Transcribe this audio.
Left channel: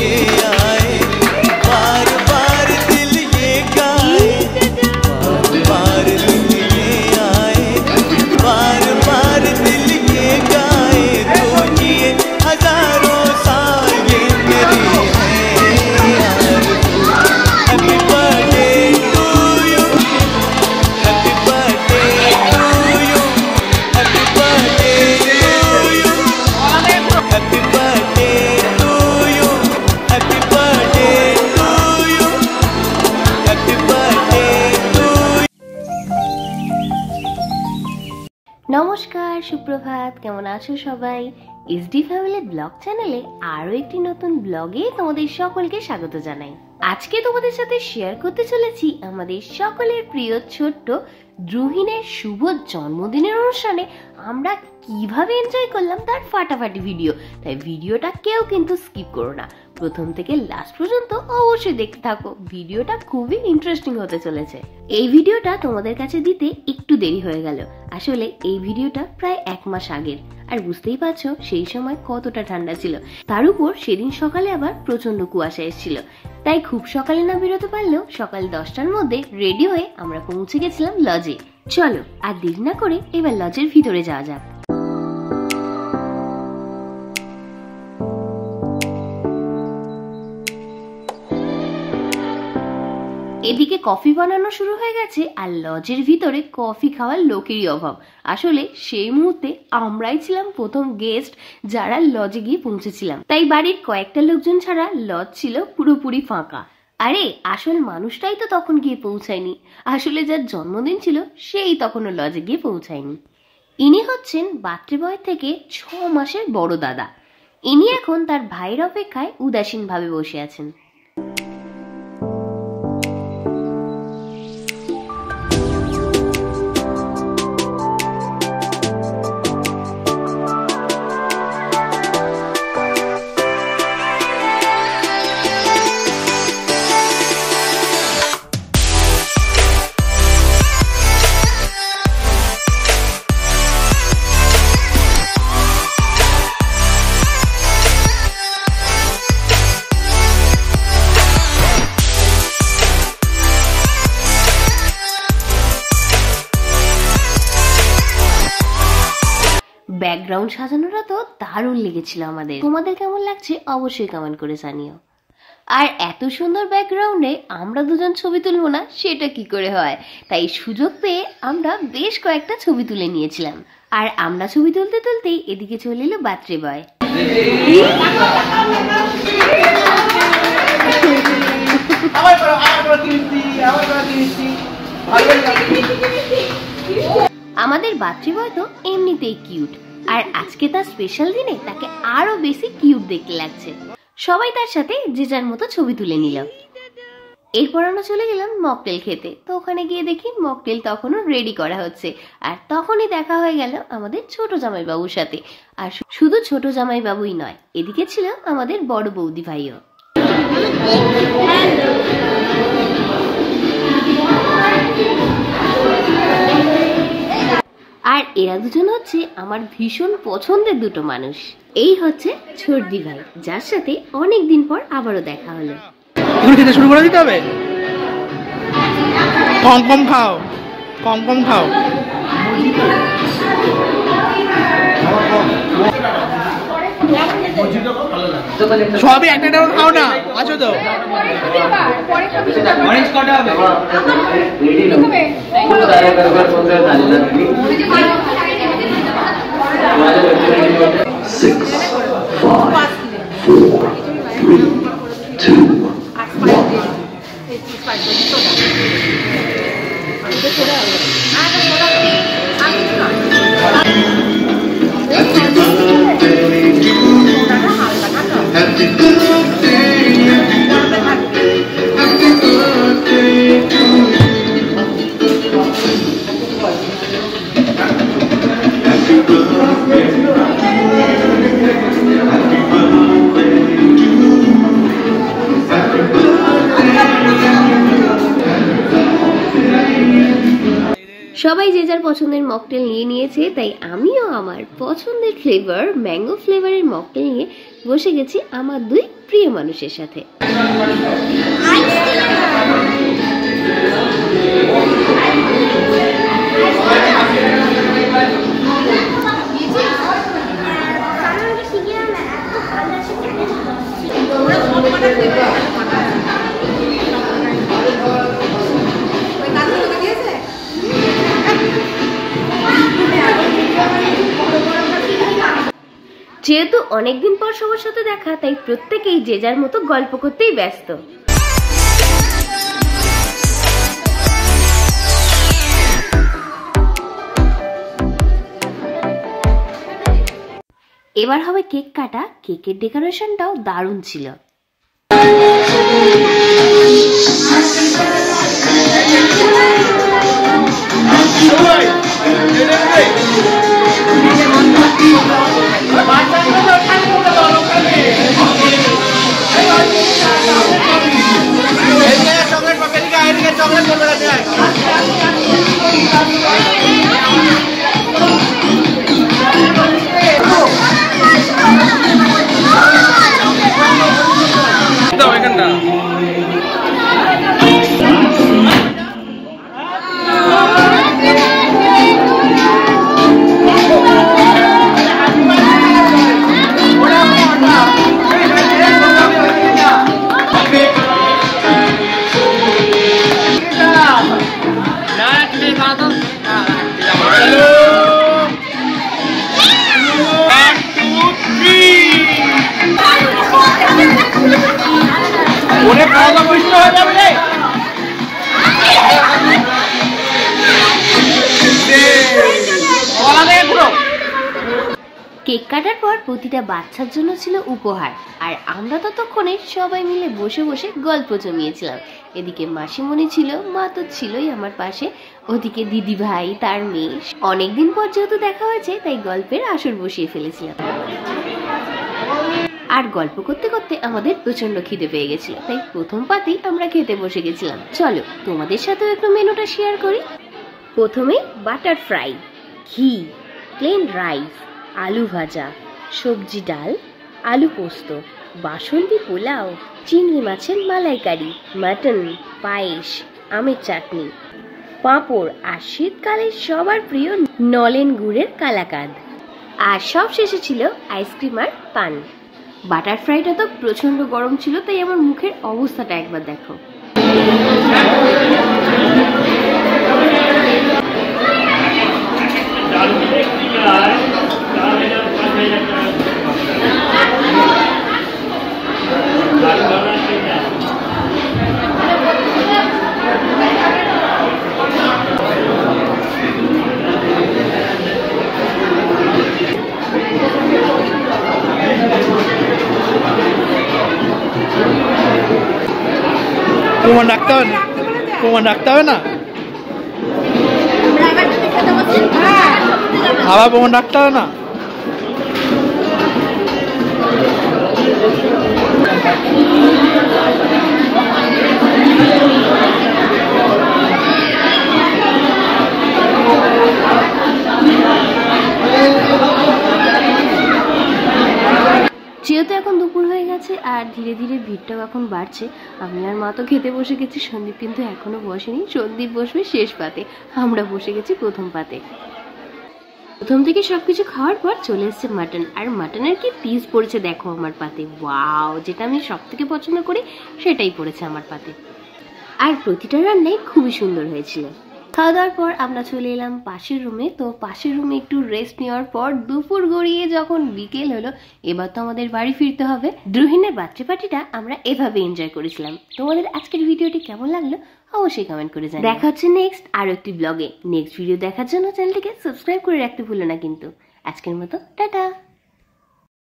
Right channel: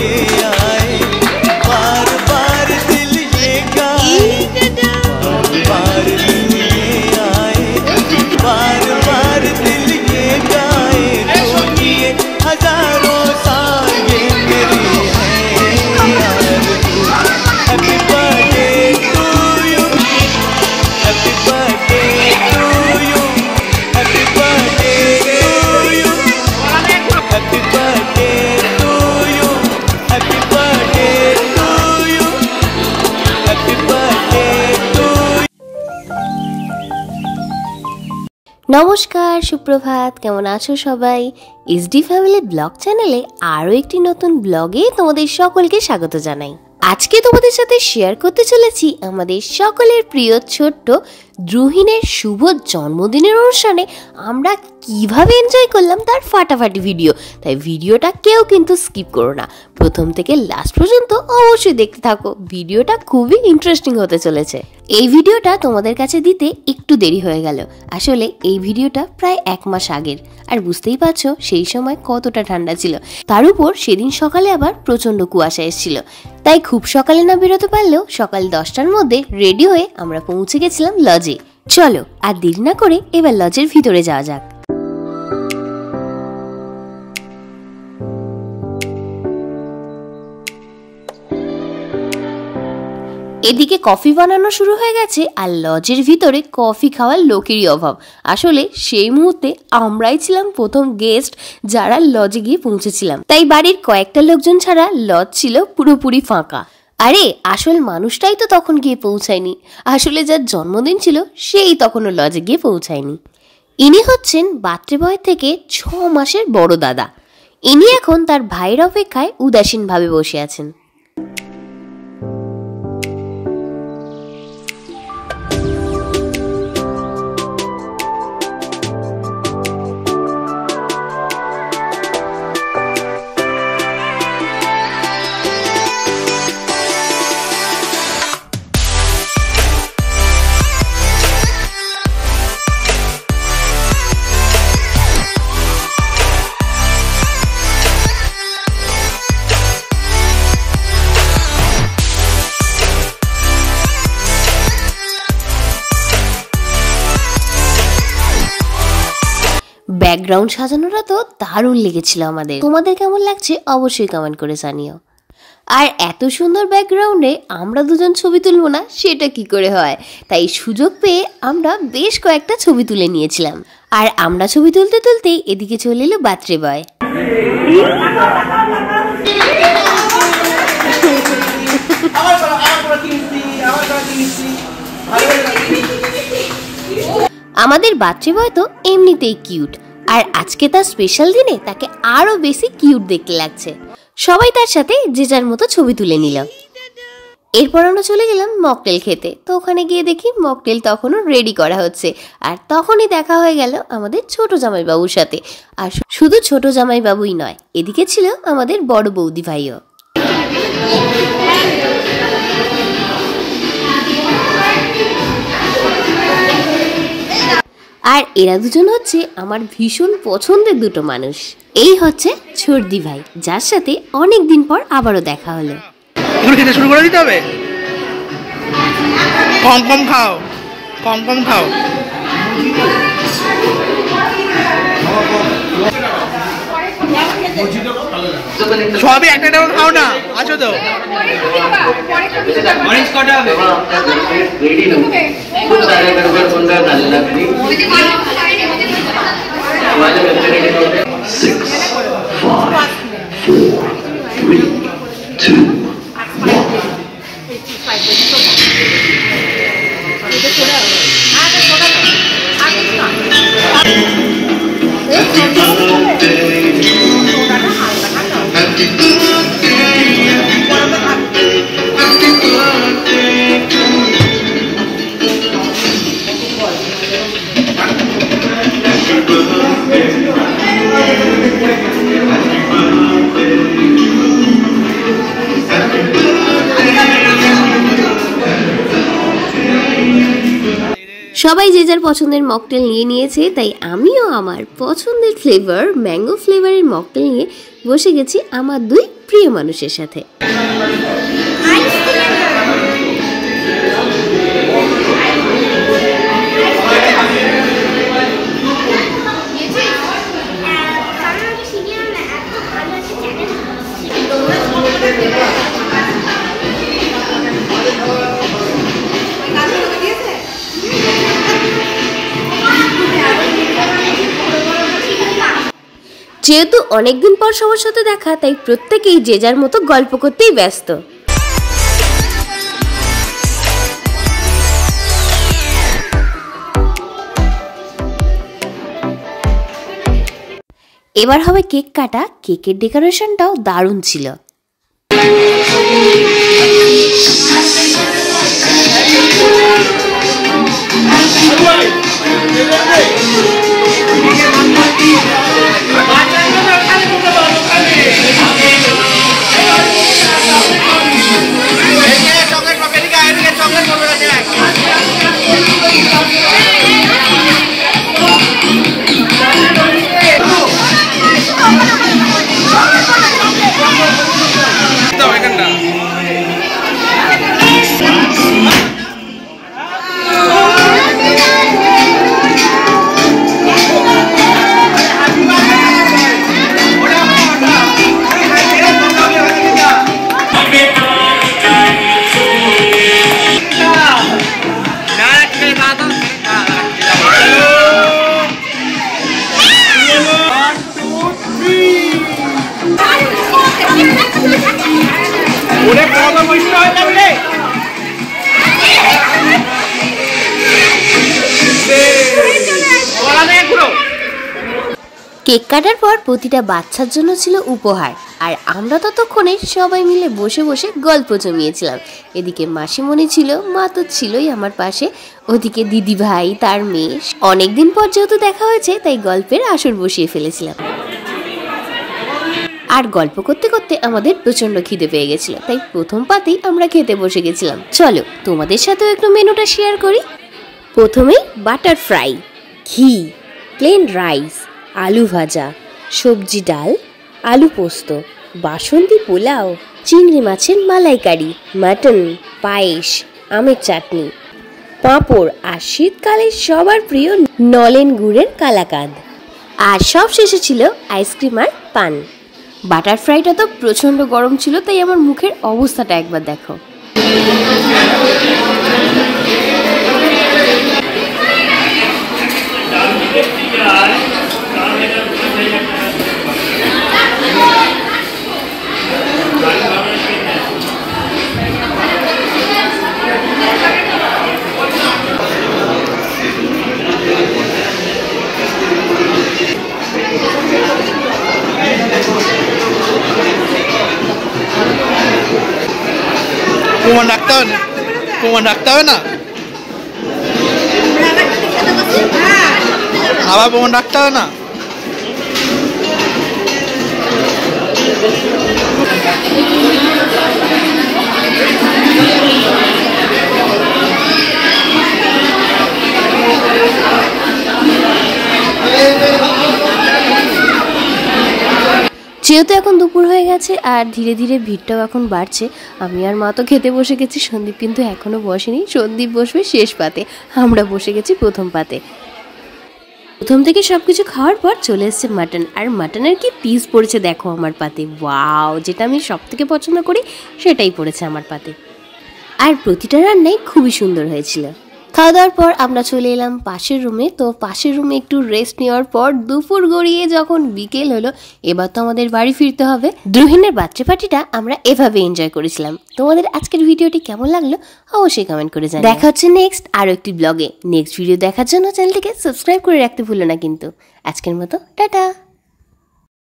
ये आए, बार बार दिल ये गाए, बार बार दिन ये आए, बार बार दिल ये गाए, तो ये हजारों साल ये मेरी है आरज़ू। Happy birthday to you, happy birthday to you, happy birthday to you, happy birthday to you, happy birthday to you, happy birthday to. নমস্কার, সুপ্রভাত। কেমন আছো সবাই? এসডি ফ্যামিলি ব্লগ চ্যানেলে আরও একটি নতুন ব্লগে তোমাদের সকলকে স্বাগত জানাই। আজকে তোমাদের সাথে শেয়ার করতে চলেছি আমাদের সকলের প্রিয় ছোট্ট দ্রুহিনের শুভ জন্মদিনের অনুষ্ঠানে আমরা কিভাবে এনজয় করলাম তার ফাটাফাটি ভিডিও। তাই ভিডিওটা কেউ কিন্তু স্কিপ করো না, প্রথম থেকে লাস্ট পর্যন্ত অবশ্যই দেখতে থাকো। ভিডিওটা খুবই ইন্টারেস্টিং হতে চলেছে। এই ভিডিওটা তোমাদের কাছে দিতে একটু দেরি হয়ে গেল, আসলে এই ভিডিওটা প্রায় 1 মাস আগের। আর বুঝতেই পারছো সেই সময় কতটা ঠান্ডা ছিল, তার উপর সেদিন সকালে আবার প্রচন্ড কুয়াশা এসেছিল। তাই খুব সকালে না বেরোতে পারলেও সকাল 10টার মধ্যে রেডি হয়ে আমরা পৌঁছে গেছিলাম লজে। চলো আর দেরি না করে এবার লজের ভিতরে যাওয়া যাক। এদিকে কফি বানানো শুরু হয়ে গেছে আর লজের ভিতরে কফি খাওয়ার লোকেরই অভাব। আসলে সেই মুহূর্তে আমরাই ছিলাম প্রথম গেস্ট যারা লজে গিয়ে পৌঁছেছিলাম, তাই বাড়ির কয়েকটা লোকজন ছাড়া লজ ছিল পুরোপুরি ফাঁকা। আরে আসল মানুষটাই তো তখন গিয়ে পৌঁছায়নি, আসলে যার জন্মদিন ছিল সেই তখনও লজে গিয়ে পৌঁছায়নি। ইনি হচ্ছেন বার্থডে বয় থেকে 6 মাসের বড় দাদা। ইনি এখন তার ভাইয়ের অপেক্ষায় উদাসীনভাবে বসে আছেন। ব্যাকগ্রাউন্ড সাজানোটা তো দারুণ লেগেছিল আমাদের। তোমাদের কেমন লাগছে অবশ্যই কমেন্ট করে জানিও। আর এত সুন্দর ব্যাকগ্রাউন্ডে আমরা দুজন ছবি তুলবো না সেটা কি করে হয়, তাই সুযোগ পেয়ে আমরা বেশ কয়েকটা ছবি তুলে নিয়েছিলাম। আর আমরা ছবি তুলতে তুলতেই এদিকে চলে এলো বার্থডে বয়। আমাদের বার্থডে বয় তো এমনিতেই কিউট, আর আজকে তার স্পেশাল দিনে তাকে আরো বেশি কিউট দেখতে লাগছে। সবাই তার সাথে যে যার মতো ছবি তুলে নিল। এরপর আমরা চলে গেলাম মকটেল খেতে। তো ওখানে গিয়ে দেখি মকটেল তখনও রেডি করা হচ্ছে, আর তখনই দেখা হয়ে গেল আমাদের ছোট জামাইবাবুর সাথে। আর শুধু ছোট জামাইবাবুই নয়, এদিকে ছিল আমাদের বড় বৌদি ভাইও। আর এরা দুজন হচ্ছে আমার ভীষণ পছন্দের দুটো মানুষ। এই হচ্ছে ছর্দি ভাই, যার সাথে অনেক দিন পর আবারও দেখা হলো। খেতে শুরু করে দিতে হবে, কম কম খাও, কম কম খাও। সবই একটা একটা খাও না, আছো তো? সবাই যে যার পছন্দের মকটেল নিয়ে নিয়েছে, তাই আমিও আমার পছন্দের ফ্লেভার ম্যাঙ্গো ফ্লেভারের মকটেল নিয়ে বসে গেছি আমার দুই প্রিয় মানুষের সাথে। যেহেতু অনেকদিন পর সবার সাথে দেখা, তাই প্রত্যেকেই যে যার মতো গল্প করতেই ব্যস্ত। এবার হবে কেক কাটা। কেকের ডেকোরেশনটাও দারুণ ছিল। কেক কাটার পর প্রতিটা বাচ্চার জন্য ছিল উপহার, আর আমরা ততক্ষণে সবাই মিলে বসে বসে গল্প জমিয়েছিলাম। এদিকে মাসিমণি ছিল, মা তো ছিলই আমার পাশে, ওদিকে দিদি ভাই তার মেয়ে। অনেকদিন পর যেহেতু দেখা হয়েছে, তাই গল্পের আসর বসিয়ে ফেলেছিলাম। আর গল্প করতে করতে আমাদের প্রচন্ড খিদে পেয়ে গেছিল, তাই প্রথম পাতেই আমরা খেতে বসে গেছিলাম। চলো তোমাদের সাথেও একটু মেনুটা শেয়ার করি। প্রথমেই বাটার ফ্রাই, ঘি, প্লেন রাইস, আলু ভাজা, সবজি ডাল, আলু পোস্ত, বাসন্তী পোলাও, চিংড়ি মাছের মালাইকারি, মাটন, পায়েস, আমের চাটনি, পাঁপড়, আর শীতকালে সবার প্রিয় নলেন গুড়ের কালাকাঁদ। আর সব শেষে ছিল আইসক্রিম আর পান। বাটার ফ্রাইটা তো প্রচণ্ড গরম ছিল, তাই আমার মুখের অবস্থাটা একবার দেখো। প্রমাণ রাখতে হবে না, প্রমাণ রাখতে হবে না, আবার প্রমাণ রাখতে হবে না। যেহেতু এখন দুপুর হয়ে গেছে আর ধীরে ধীরে ভিড়টাও এখন বাড়ছে, আমি আর মা তো খেতে বসে গেছি। সন্দীপ কিন্তু এখনো বসেনি, সন্দীপ বসবে শেষ পাতে, আমরা বসে গেছি প্রথম পাতে। প্রথম থেকে সবকিছু খাওয়ার পর চলে এসছে মাটন, আর মাটনের কি পিস পড়েছে দেখো আমার পাতে। ওয়াও, যেটা আমি সব থেকে পছন্দ করি সেটাই পড়েছে আমার পাতে। আর প্রতিটা রান্নাই খুবই সুন্দর হয়েছিল। খাওয়া দাওয়ার পর আমরা চলে এলাম পাশের রুমে। তো পাশের রুমে একটু রেস্ট নেওয়ার পর দুপুর গড়িয়ে যখন বিকেল হলো, এবার তো আমাদের বাড়ি ফিরতে হবে। দ্রুহিনের বার্থডে পার্টিটা আমরা এভাবে এনজয় করেছিলাম। তোমাদের আজকের ভিডিওটি কেমন লাগলো অবশ্যই কমেন্ট করে জানাও। দেখা হচ্ছে নেক্সট আরো একটি ব্লগে। নেক্সট ভিডিও দেখার জন্য চ্যানেলটিকে সাবস্ক্রাইব করে রাখতে ভুলো না কিন্তু। আজকের মতো টাটা।